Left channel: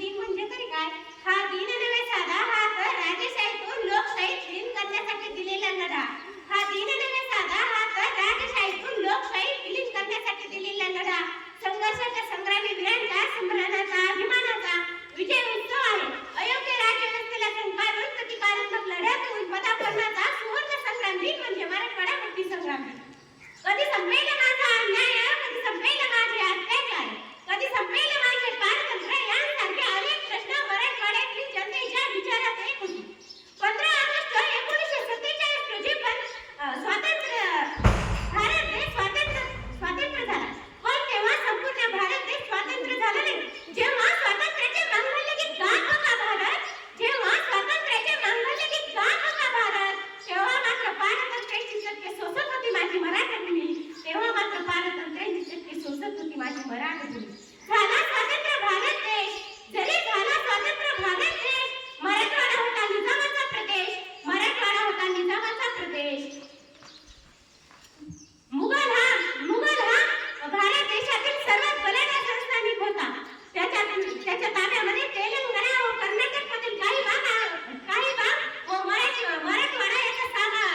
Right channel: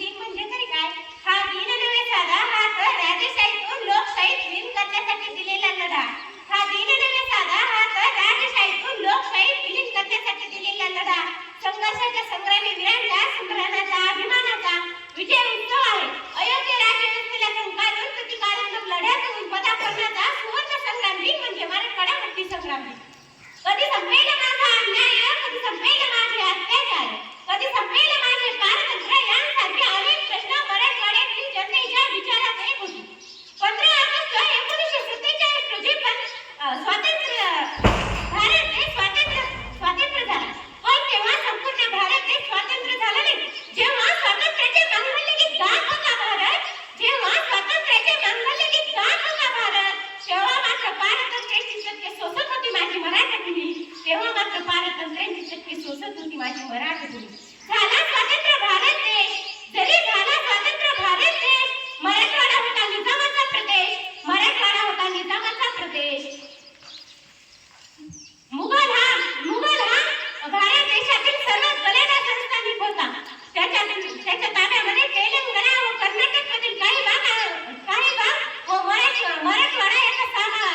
दिन म्हणजे तरी काय? हा दिन नव्हे साधा, हा तर राजेशाहीतून लोकशाहीत विलीन करण्यासाठी दिलेला लढा. हा दिन नव्हे साधा, हा तर राजेशाहीतून लोकशाहीत विलीन करण्यासाठी दिलेला लढा. संघर्षाच्या संग्रामी वीरांचा, संभ्रमाचा, अभिमानाचा विजय उत्सव आहे. अयोग्य राज्यव्यवस्थेला संकारून प्रतिकारात्मक लढ्यातून पदापर्णाचा सुवर्ण संग्राम दिन म्हणजे मराठवाडा मुक्ती संग्राम. कधी संपेल माझा अन्याय,